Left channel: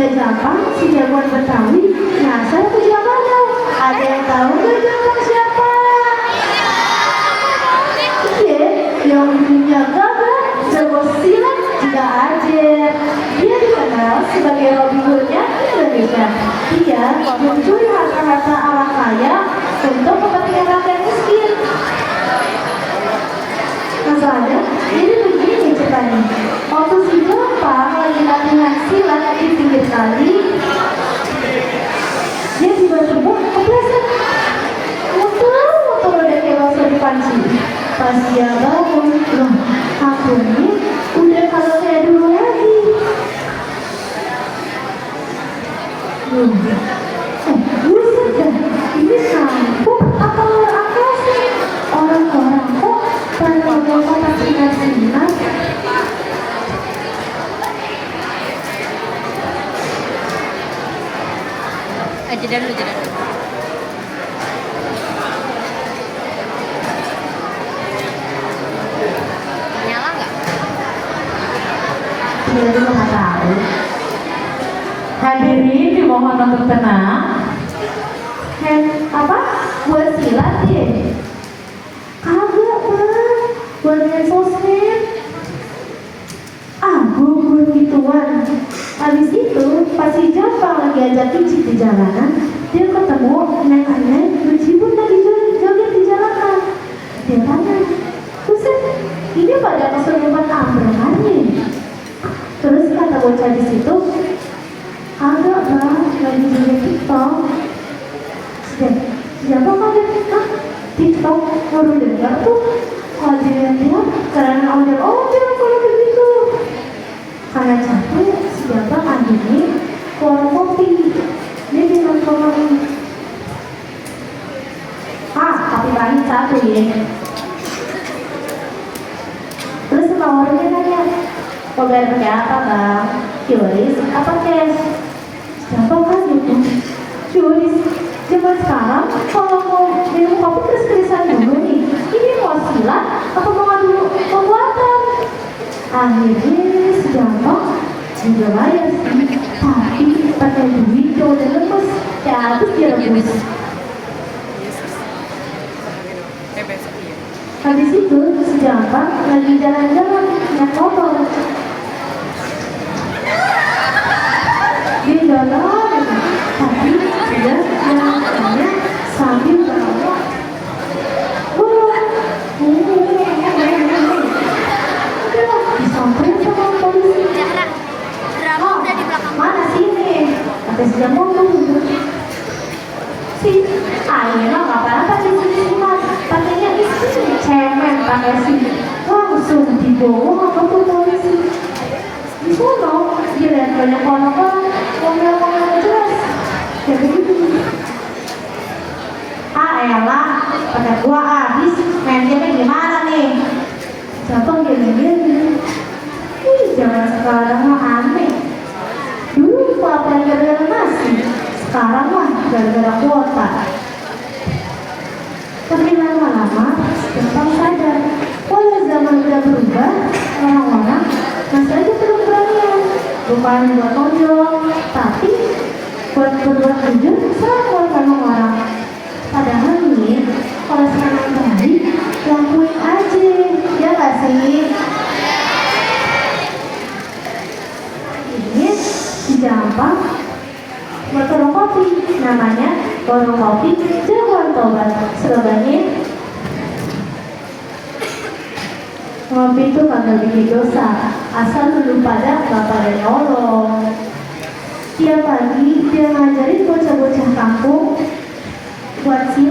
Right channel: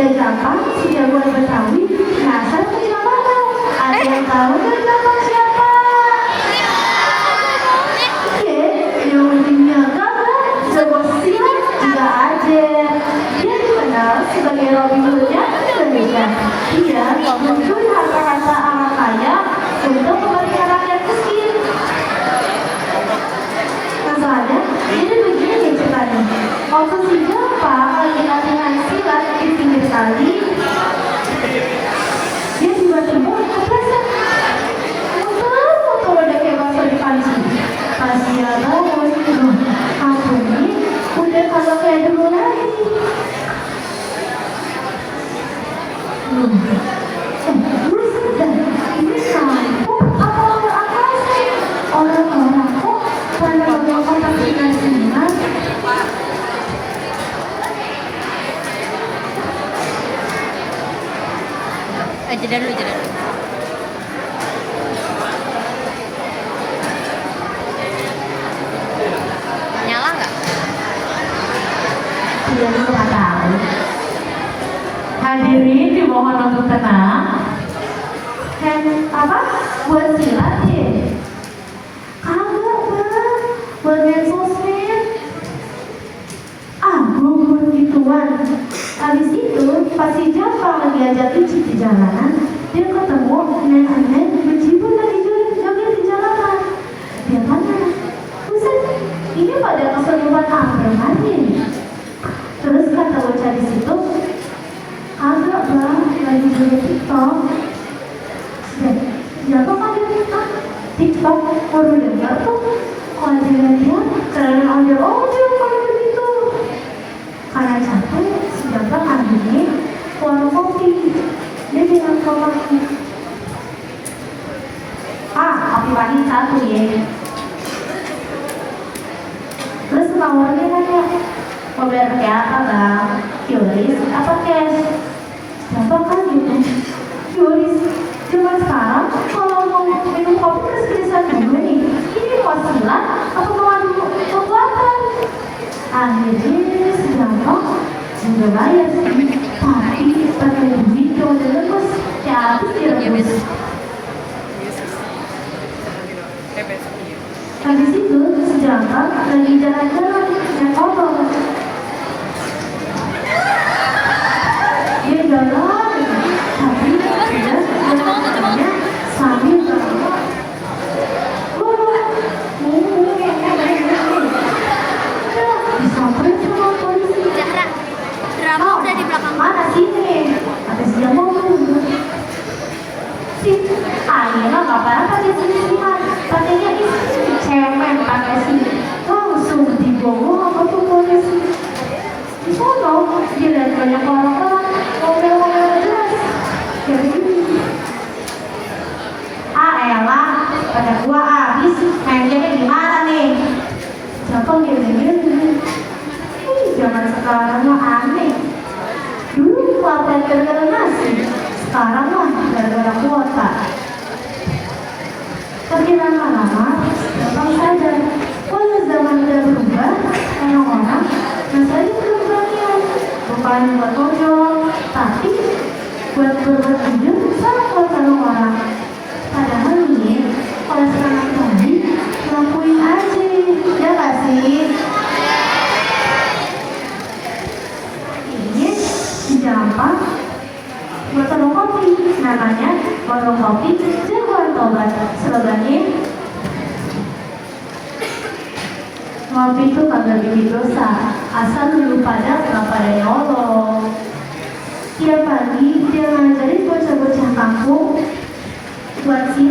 tidak Jampang, si jagoan Betawi, nyasar ke Jampang. Ada yang tahu gak Jampang siapa? Iya, yang ujungnya gagah, semusil, juga aja. Dia dikenal sebagai Robin Hood-nya Indonesia. Dia mencuri harta-harta orang kaya untuk kepentingan rakyat miskin. Masalahnya, jadi begini ceritanya. Waktu si Jampang lagi latihan silat di pinggir kali, dia tiba-tiba kepleset. Motor udah kayak bakso dipanci. Pas dia bangun, aku ini udah kalau kayak dulu lagi. Buset dah, ini sampuk apa apa sih? Orang-orang kok tanpa kotak sinar-sinar. Jeda dulu, jeda. Nyala nggak? Dia nggak tahu. Hadirin dimohon untuk tenang. Apa? Buat silat deh. Kagak bang, buat main sosmed. Gue buat gituan. Habis itu, pas si Jampang lagi ajak Ici di jalanan, dia ketemu aneh-aneh berjibun lagi joget di jalanan. Dia tanya, Buset, ini pada keserupan apa nih? Terus kata bocah di situ, agak bang, lagi joget TikTok. Siapa pakai TikTok? Baru dengar tuh. Kalau dia karena ondel-ondel kalau begitu. Karena capek, si Jampang ambilnya warung kopi. Dia bilang ke mamanya, Pak, kopi pahit satu ya. Terus tawarnya nanya, mau bayar pakai apa bang? QRIS apa cash? Jampang kan gitu. QRIS. Zaman sekarang kalau mau minum kopi keris-kerisan dulu nih. Ini mau silat atau mau adu kekuatan? Akhirnya si Jampang juga bayar sih, tapi pakai duit yang udah lemes, kayak habis dia rebus. Habis itu si Jampang lagi jalan-jalan naik motor. Dia jalan, tapi dia jalannya sambil berlama. Disamperin sama polisi. Zahra, drama udah di belakang. Mana sini? Kata si Jampang tuh. Si akhirnya nggak apa-apa di sini mas. Katanya istri cemen pakai sini. Langsung dibawa sama tuh polisi. Di sana dia lihat banyak orang-orang ngomel-ngomel nggak jelas. Jadi gitu. Elah, pakai gua habis. Main game gimana nih? Jampang dia gitu. Jangan sekarang mah aneh. Dulu pelatihan gara-gara nasi, sekarang mah gara-gara kuota. Tapi lama-lama Jampang sadar, kalau zaman udah berubah, orang-orang masih aja perlu-perluan. Bukan buat ojol, tapi buat berbuat jujur sama orang-orang. Padahal nih, kalau sekarang terjadi, lakuin aja, ya gak sih? Ini si Jampang buat warung kopi, namanya warung kopi Jagoan Tobat. Slogannya, ngopi itu kagak bikin dosa, asal dulu pada gak pada nyolong. Tiap pagi dia ngajarin bocah-bocah kampung buat silat.